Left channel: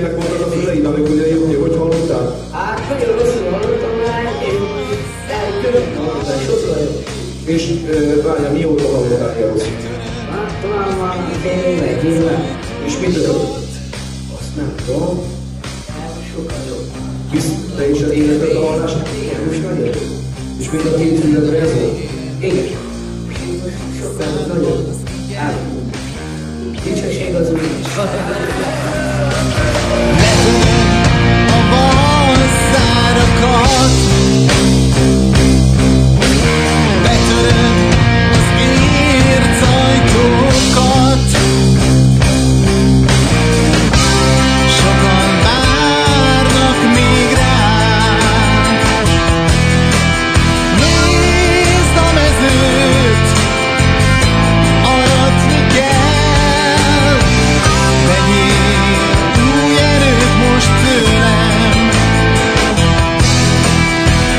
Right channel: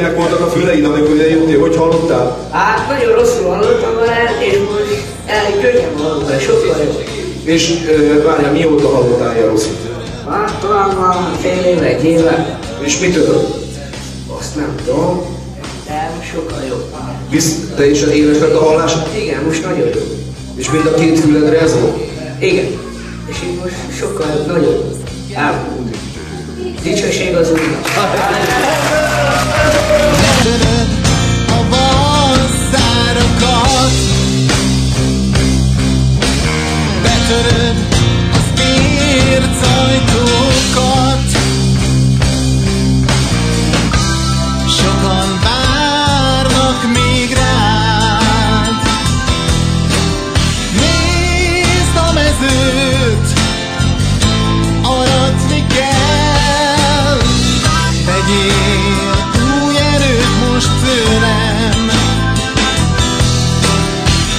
milyenek voltak a füleid, amikor idejöttél, hogy hallottál? Hát nagyon rosszul hallottam már, és most elkönyv hallottam, sokkal jobb. És várjál, mióta hallottál ilyen rosszit? Hát talán már fél éve, egy éve. És mitől? Azt nem tudom, de most sokkal jobb. Visz teljesen éles lett a hallás? Igen, most nagyon jó. És mind a két füledre ez van? Igen. És itt most sokkal nagyobb elmúlt. Dicsőség az Úrnak. Letöröd a vasszárakat, betöröd az ércajtókat. Sokan várnak még rád. Nézd a mezőt, aratni kell. Vegyél új erőt most tőlem.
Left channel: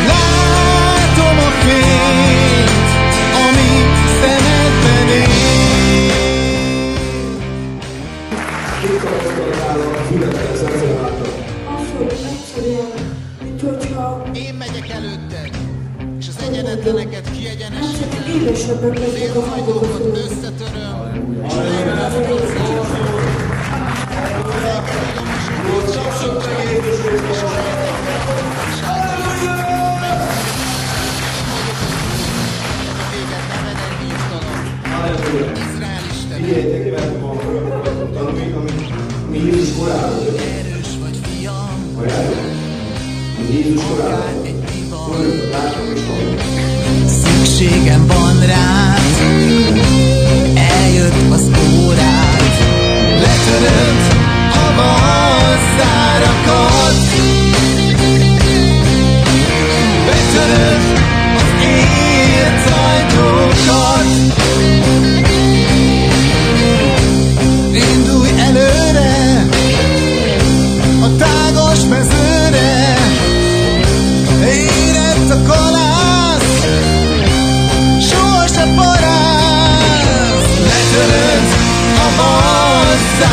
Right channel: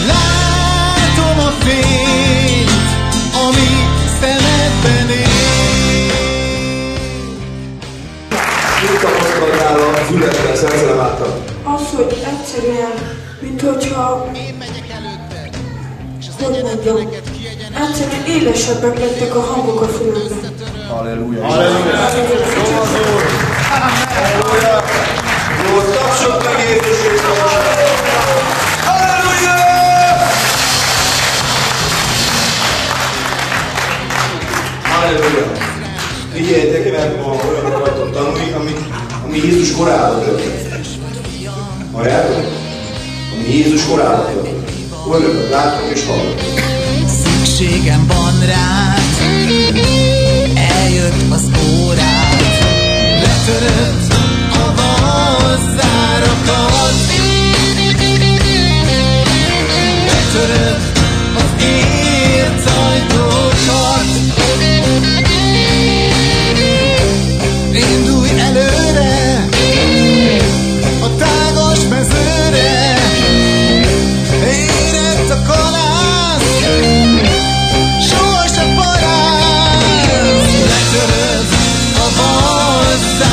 Látom a fényt, ami szemedben él. Mit tapasztaltál a füledre, szerzelem által? Az, hogy egyszerűen, mint hogyha Én megyek előtted, és az egyenetleneket kiegyenesítem. egyszerűen élesebbek lettek a hangok a fülömben. Összetöröm. Halleluja! Jó az Úr! Halleluja! Jó, tapsok meg Jézus Krisztus! Halleluja! Halleluja! Figyeljétek meg, ma olyanok vagytok tanulni, ami Jézus korában történt. Halljátok? Ami Jézus korában történt. Olyanok látok és hallok. Szükségem van rád, eljött az órád. Letöröd a vasszárakat, betöröd az ércajtókat. Indulj előre a tágas mezőre, érett a kalász, sohasem parász. Letöröd a vasszárakat.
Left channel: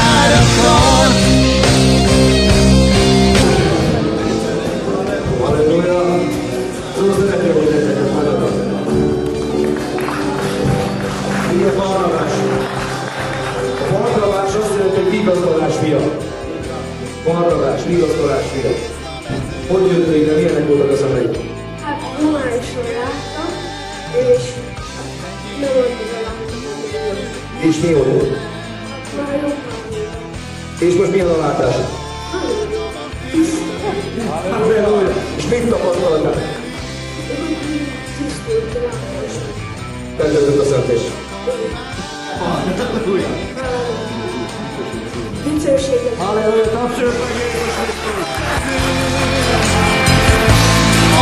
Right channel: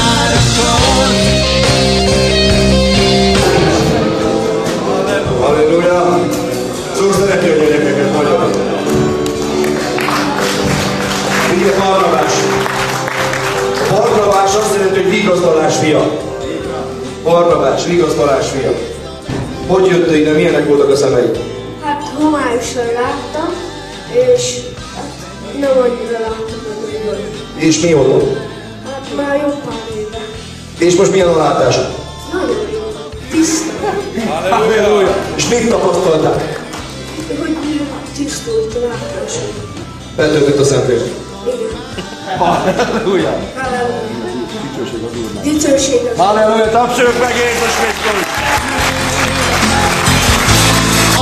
Halleluja! Csak szeretném a gyerekeket nagyon. Figyelj, Barnabás! A Barnabás azt jelenti, hogy vigasztalás fia. Barnabás, vigasztalás fia. Hogy jöttél ide, milyenek voltak a szemeid? Hát homályosan láttam, és nem annyira láttam. És mi volt? Hát már jobban nézem. És most milyen a látásod? Nagyon jó. Halleluja! És mit tapasztaltál? Hogy tisztult látásom. Betöltött a Szentlélek. Halleluja! Dicsőség az Halleluja! Tapsoljuk meg Jézus Krisztus!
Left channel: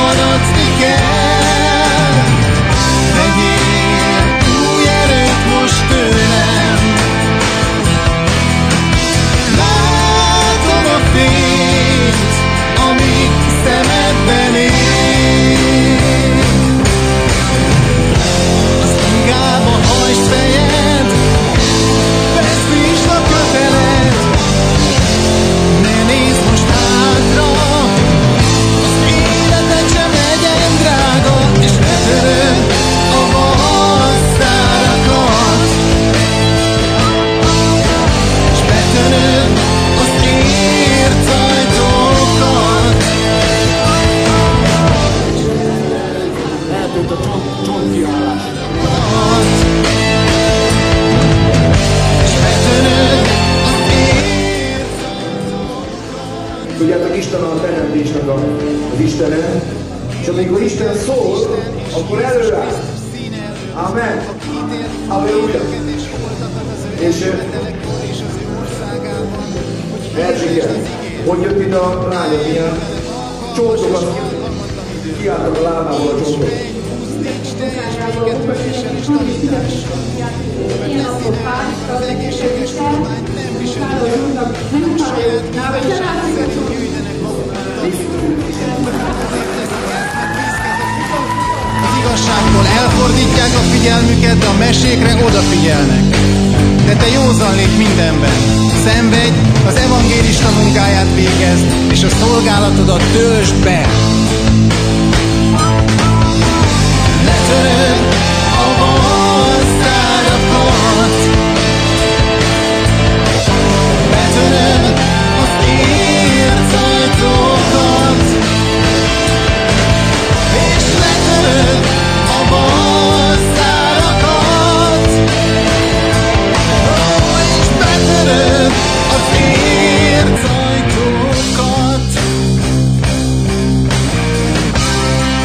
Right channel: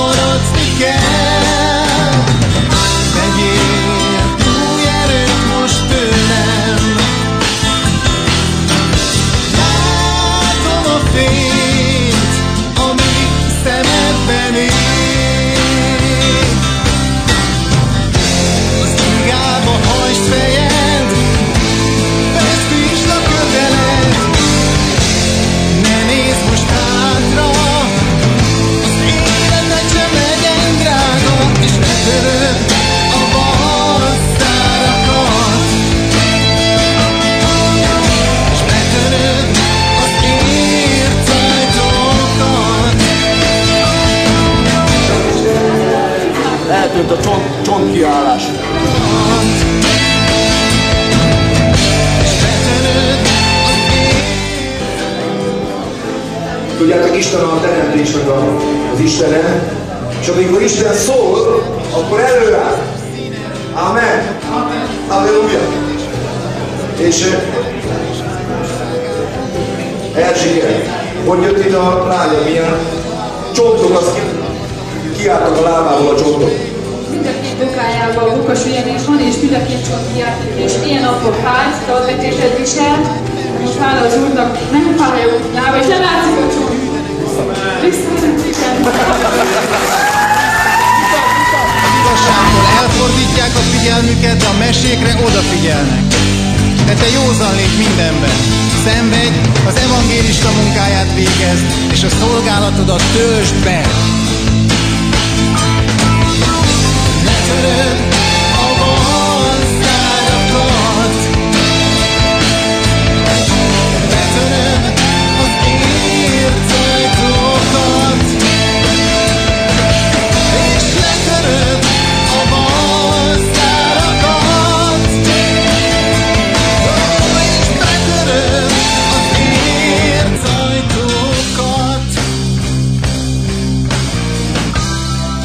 Aratni kell, vegyél új erőt most tőlem. Látom a fényt, ami szemedben él. Az ingába hajtsd fejed, feszítsd a köteled. Ne nézz most hátra, az életed sem legyen drága, és letöröd a vasszárakat, és betöröd az ércajtókat. Eltűnt a csontkiállás. És betöröd az Tudjátok, Isten a teremtésnek az Istene, és amikor Isten szól, akkor előáll. Amen. Halleluja. És Erzsébet, hogy jött ide a lánya, ilyen csontok, az kiállt a lábából a csontok. És milyen napok házra vetésedéssel, és fáll az úrnak, nem fáj a útjába, és lelátszik a csont. Az igazságtól elfordítják a figyelmüket, de a mesékre odafigyelnek. De te józan légy mindenben, Szenvedj, az evangélista munkáját végezd, és a szolgálatodat töltsd be. Letöröd a valszárakat, betöröd az ércajtókat, és letöröd a valszárakat, és betöröd az ércajtókat.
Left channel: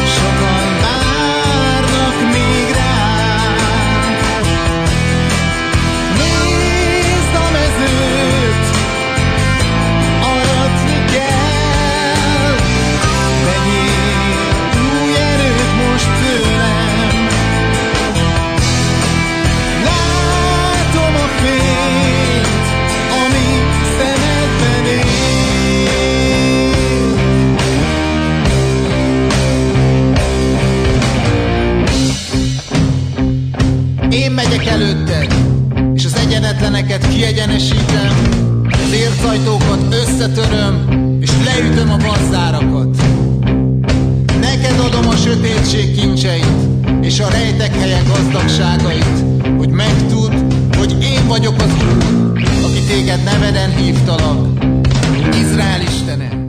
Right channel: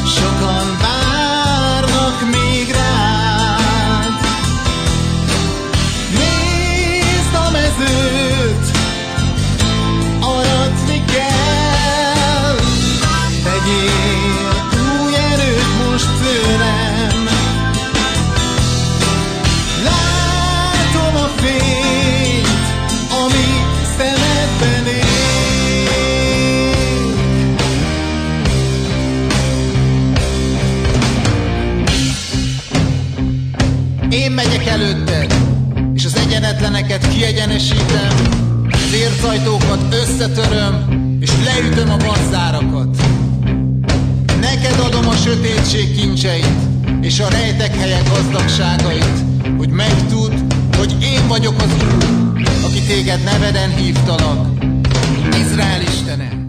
Sokan várnak még rád, nézd a mezőt, aratni kell, vegyél új erőt most tőlem. Látom a fényt, ami szemedben ég. Én megyek előtted, és az egyenetleneket kiegyenesítem, az ércajtókat összetöröm, és leütöm a vasszárakat. Neked adom a sötétség kincseit, és a rejtek helyek gazdagságait, hogy megtudd, hogy én vagyok az Úr, aki téged neveden hívtalak, Izrael Istene.